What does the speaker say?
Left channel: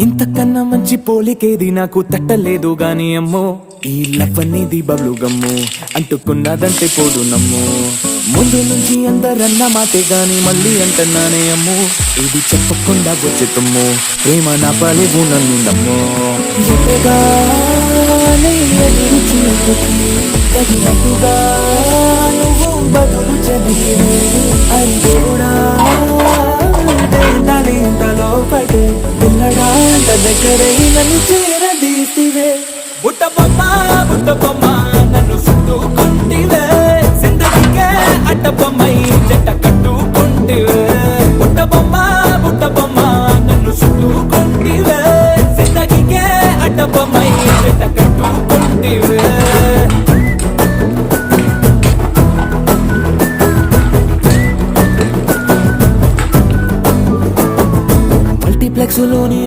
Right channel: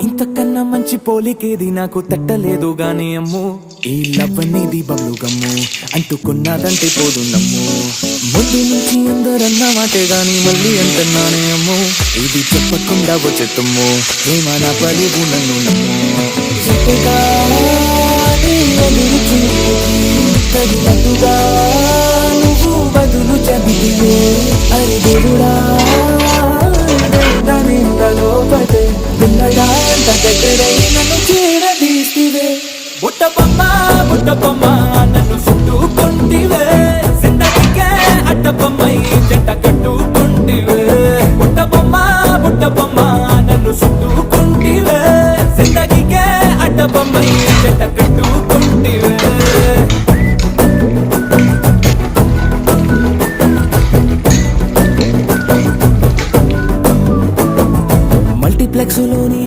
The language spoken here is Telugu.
ఇంతకన్నా మంచి పోలికేది నాకు తట్టలేదు గాని అమ్మో ఈ లవ్ అనేది బబ్లు గమ్ము అంటుకున్నదంటే పోదు నమ్ము ముందు నుంచి అందరన్న మాటే గాని మళ్ళీ ఏంటన్నానే అమ్మో ఇది చెప్పకుండా వచ్చే తుమ్ము ఏమన్నా పని నన్ను నమ్ము ఎంతగానే ఎదురు తగినట్టుగా నువ్వు బదులు చదివినే అని దేవుడా దాని లోపటే పిల్లగా దగ్గరే నన్ను చేరదీసివే బుట్ట బొమ్మ నన్ను చుట్టుకుంటివే జిందగీకే అడ్డ బొమ్మై జంట కట్టుకుంటివే బుట్ట బొమ్మ నన్ను చుట్టుకుంటివే